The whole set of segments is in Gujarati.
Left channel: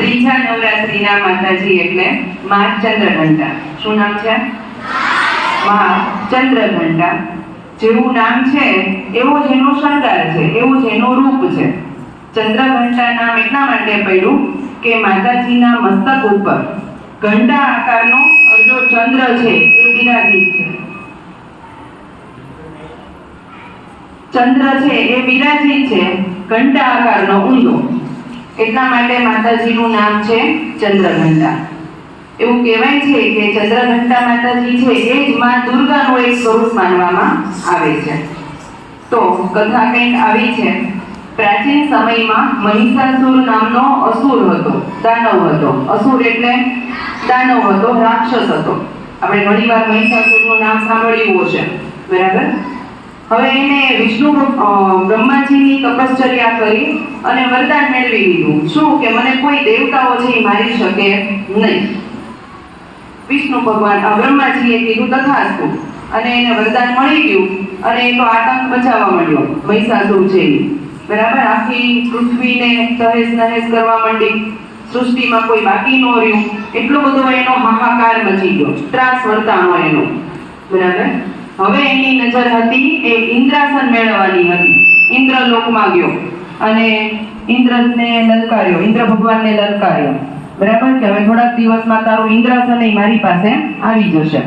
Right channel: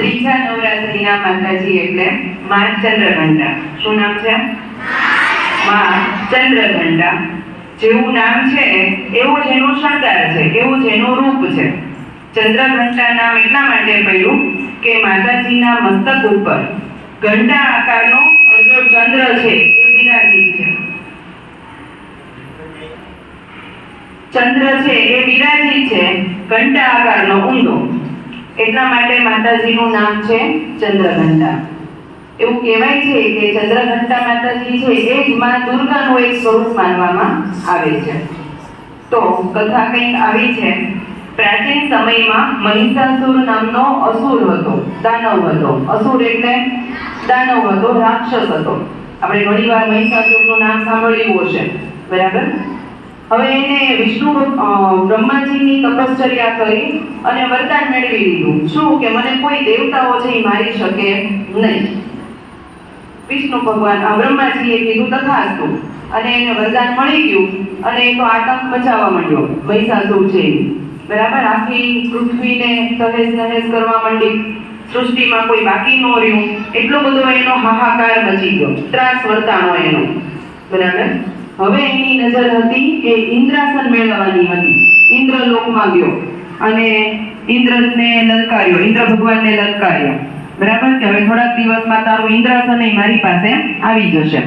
ત્રીજા નવરાત્રીના માતાજી એટલે મા ચંદ્રઘંટા. શું નામ છે? મા ચંદ્રઘંટા. જેવું નામ છે એવો જ એનો શણગાર છે, એવું જ એનું રૂપ છે. ચંદ્રઘંટા નામ એટલા માટે પડ્યું કે માતાજીના મસ્તક ઉપર ઘંટા આકારનો અડધો ચંદ્ર છે એ બિરાજિત છે. ચંદ્ર છે એ બિરાજિત છે ઘંટા આકારનો ઊંધો, એટલા માટે માતાજીનું નામ છે ચંદ્રઘંટા. એવું કહેવાય છે કે ચંદ્રઘંટા માતાજી છે એ જ મા દુર્ગાનું એક સ્વરૂપ માનવામાં આવે છે. તો કથા કંઈક આવી છે. પ્રાચીન સમયમાં મહિષાસુર નામનો અસુર હતો, દાનવ હતો. અસુર એટલે દાનવ હતો, રાક્ષસ હતો. આપણે ઘણીવાર મહિષાસુરનું નામ સાંભળ્યું હશે, બરાબર? હવે એને વિષ્ણુ બ્રહ્માજીની તપશ્ચર્યા કરી અને વરદાન મેળવી લીધું. શું કે મને કોઈ દેવતાઓ છે એ મારી શકે નહીં. વિષ્ણુ ભગવાન બ્રહ્માજીએ કીધું તથાસ્તુ, અને એને વરદાન મળી ગયું અને એ તો આતંક મચાવવા માંડ્યો મહિષાસુર છે, બરાબર? આખી પૃથ્વીને તહેસ નહેસ કરવા માંડી. સૃષ્ટિમાં કોઈ બાકી ન રહ્યું, એટલો બધો એનો હાહાકાર મચી ગયો, ત્રાસ વર્તાનો એનો, બરાબર? હવે એની નજર હતી એ ઇન્દ્રાસન મેળવવાની હતી. ઇન્દ્રલોકમાં ગયો અને ઇન્દ્રને લલકાર્યો, ઇન્દ્ર ભગવાનને લલકાર્યો, બરાબર? કે હવે થોડાક દિવસમાં તારું ઇન્દ્રાસન મારી પાસે આવી જશે.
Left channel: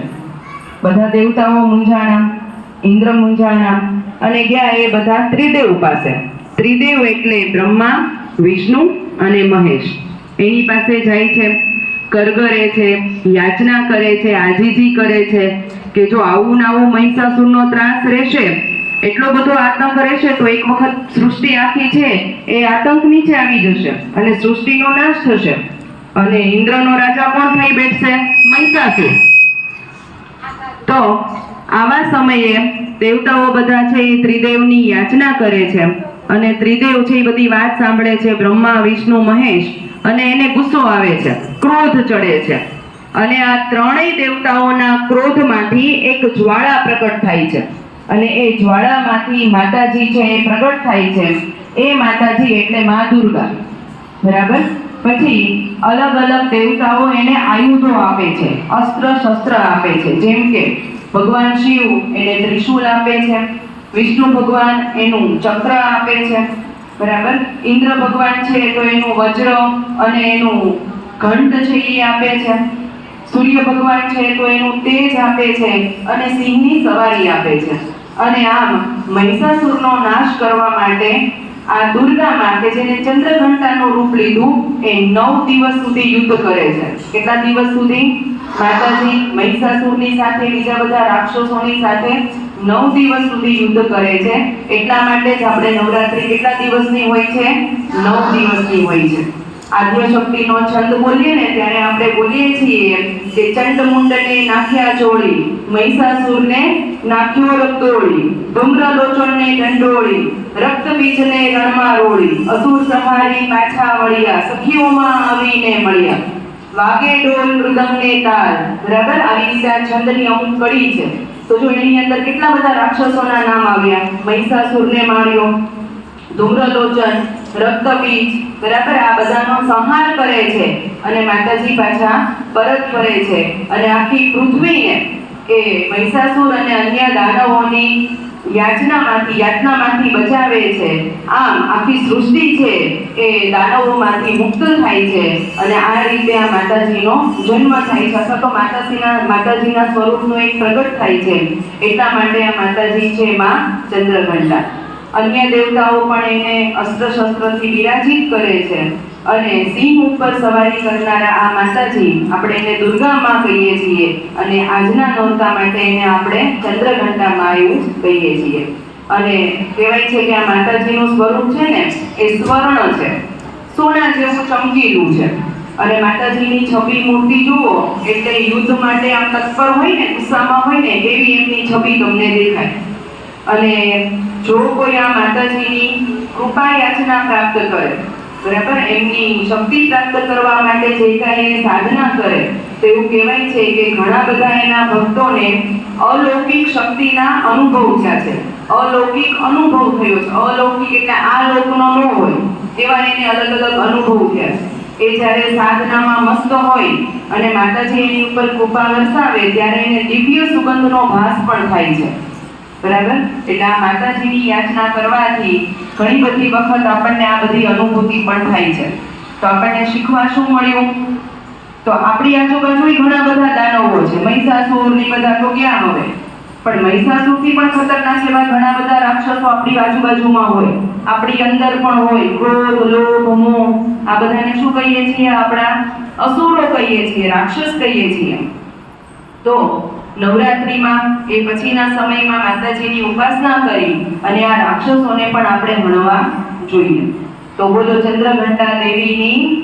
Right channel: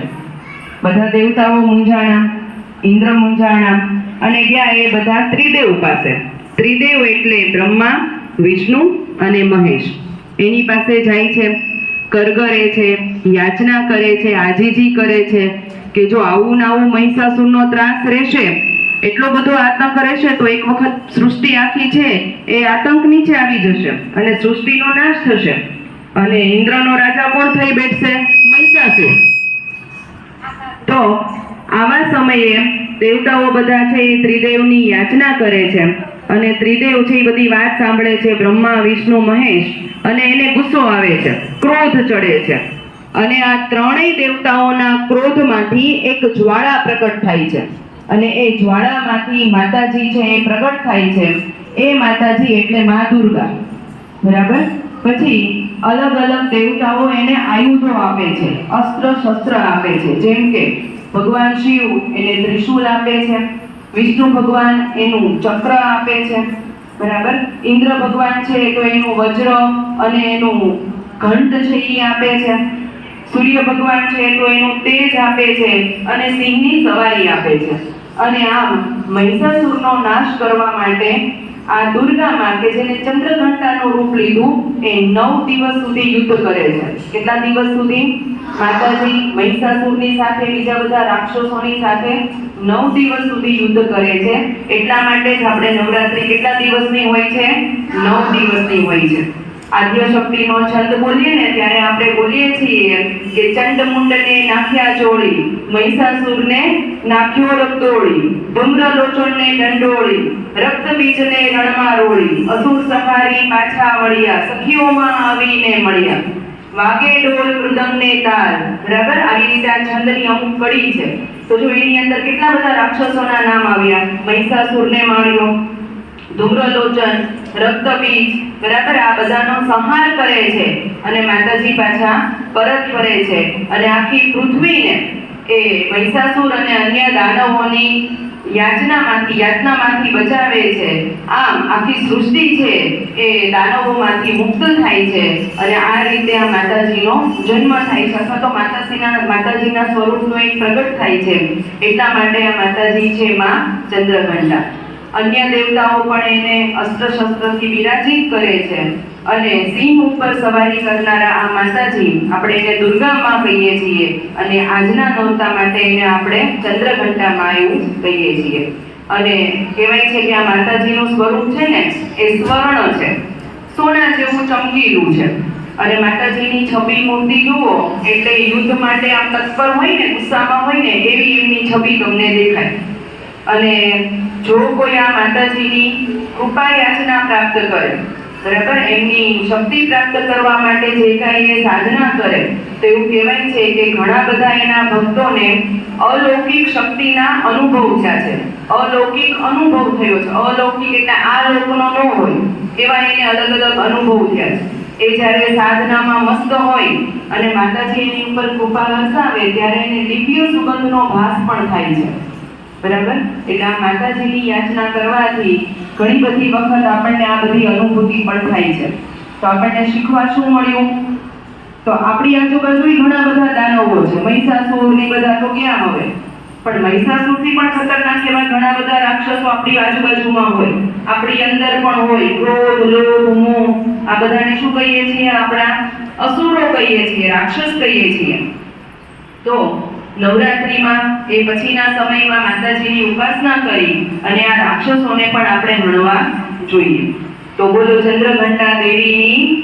બધા દેવતાઓ મૂંઝાણા, ઇન્દ્ર મૂંઝાણા અને ગયા એ બધા ત્રિદેવ પાસે. ત્રિદેવ એટલે બ્રહ્મા, વિષ્ણુ અને મહેશ. એની પાસે જાય છે, કરગરે છે, યાચના કરે છે, આજીજી કરે છે કે જો આવું ને આવું મહિષાસુરનો ત્રાસ રહેશે, એટલો બધો આતંક રહેશે તો એક વખત સૃષ્ટિ આખી છે એ આતંક નીચે આવી જશે અને સૃષ્ટિનો નાશ થશે અને ઇન્દ્રનો રાજા કોણ થઈ બેઠશે? મહિષાસુર. તો આવા સમયે દેવતાઓ બધા છે એ ત્રિદેવની યાચના કરે છે અને ત્રિદેવ છે એ બધી વાત સાંભળે છે, બ્રહ્મા, વિષ્ણુ, મહેશ, અને એને ગુસ્સો આવે છે, ક્રોધ ચડે છે. અને આ ત્રણેય દેવતાઓના ક્રોધમાંથી એક જ્વાળા પ્રગટ થાય છે અને એ જ્વાળામાંથી માતાજી છે એ પ્રગટ થાય છે. એ માતાજી એટલે મા દુર્ગા, બરાબર? પછી અલગ અલગ દેવતાઓ એને આયુધો આપે છે, અસ્ત્ર શસ્ત્ર આપે છે. જેમ કે ભગવાન શિવ એને ત્રિશૂલ આપે છે, વિષ્ણુ ભગવાન એનું ચક્ર આપે છે, બરાબર? ઇન્દ્ર ભગવાન છે તો એનું વજ્ર અને એનું ઘંટ છે એ આપે છે. સૂર્ય ભગવાન છે તો એનું તેજ આપે છે અને સિંહની સવારી આપે છે. અને આમ મહિષાસુરનો નાશ કરવા માટે આ દુર્ગામાં કે જેને ચંદ્રઘંટાનું રૂપ લીધું એ 9 દિવસ સુધી યુદ્ધ કરે છે. કેટલા દિવસ સુધી? માતાજી મહિષાસુરની સાથે બીજા બધા રાક્ષસોની સાથે 9 દિવસ સુધી યુદ્ધ કરે છે. એટલા માટે જ આપણે નવરાત્રી કેટલા દિવસની હોય છે? 9 દિવસની હોય છે. આદ્યશક્તિનો છંદ બોલીએ ને ત્યારે આપણે બોલીએ છીએ કે ચંડમુંડને નાખ્યા ચોળી, મહિષાસુરને નાખ્યો રક્તોળી, ધૂમ્રલોચનને દંડોળી, રક્તબીજને રણમાં રોળી, અસુર સંહારી પાછા વળ્યા, સખીઓમાં આવીને મળ્યા, વાગે ડોલ મૃદંગને તાલ. બરાબર? આવી રીતે આ છંદની અમુક કડી છે. તો જો એની અંદર કેટલા બધા રાક્ષસોના નામ આવ્યા. મહિષાસુરને માર્યો, ધૂમ્રલોચન, રક્તબીજ, બરાબર? આ બધાનો સંહાર કરે છે અને માતાજી પાછા પરત ફરે છે અને આખી પૃથ્વીને એ મહિષાસુર અને અન્ય દાનવોની યાતનામાંથી બચાવે છે. આમ આખી સૃષ્ટિ છે એ દાનવોમાંથી મુક્ત થાય છે અને આ રીતે આ માતાજીનો જન્મ થાય છે અથવા તો માતાજીના સ્વરૂપનું એક પ્રગટ થાય છે. એટલા માટે આ માતાજી છે મા ચંદ્રઘંટા. અન્ય દેવતાઓ પણ એને અસ્ત્ર શસ્ત્રથી વિરાજિત કરે છે અને સિંહ ઉપર સવારી કરનારા આ માતાજી આપણે એને દુર્ગા માં કહીએ છીએ અને આજના નોરતા માટે એને આપણે ચંદ્રઘંટા માં એવું કહીએ છીએ. અને કહેવાય છે કે આ માતાજીનું સ્વરૂપ છે ને એ સ્વર્ણ છે, સોના જેવું ચમકીલું છે. અને માતાજીની છબી મૂર્તિ જુઓ એટલે યુદ્ધ માટે આમ તત્પર હોય ને, ગુસ્સામાં હોય ને એવી એમની છબી તમને દેખાય. અને જો કોઈ આ માતાજીની કૃપા યાચના પ્રાપ્ત કરે, બરાબર, એમની શક્તિ પ્રાપ્ત કરવા માટે જે કાંઈ એ સાધના કરે તો એવું કહેવાય છે કે ઘણા બધા એના ભક્તોને અલૌકિક શક્તિના અનુભવ થયા છે. અલૌકિક અનુભવ થયો છે. અલૌકિક એટલે આ લોકનો ન હોય એવા એને અલગ અલગ અનુભવ થયા છે. એ જ્યારે સાધનામાં મસ્ત હોય અને માતાજી એની ઉપર કૃપા વરસાવે ત્યારે એને દિવ્ય સુગંધનો ભાસ પણ થાય છે, બરાબર? એટલે આ માતાજીની યાચના કરવાથી ઘણી બધી વખત આપણને આ બધી અનુભૂતિ પણ થાય છે. તો આપણને શીખવા શું મળ્યું? તો આપણી આજુબાજુ ઘણા બધા દાનવો છે, મહિષાસુર ને બધા તો ક્યાં હવે, પણ મહિષાસુરથી પણ ખતરનાક એવા ઘણા બધા રાક્ષસો આપણી આજુબાજુમાં હોય, આપણી અંદર પણ હોય. ક્રોધ, લોભ, મોહ, આ બધાને શું કહીએ છીએ? આપણા અસુરો કહીએ છીએ, રાક્ષસ કહીએ છીએ. તો નવરાત્રિમાં એ પછીના સમયમાં માતાજીની ઉપાસના કરી અને આ રાક્ષસોને પણ આપણે હણવા જોઈએ. તો બોલો ચંદ્રઘંટા દેવીની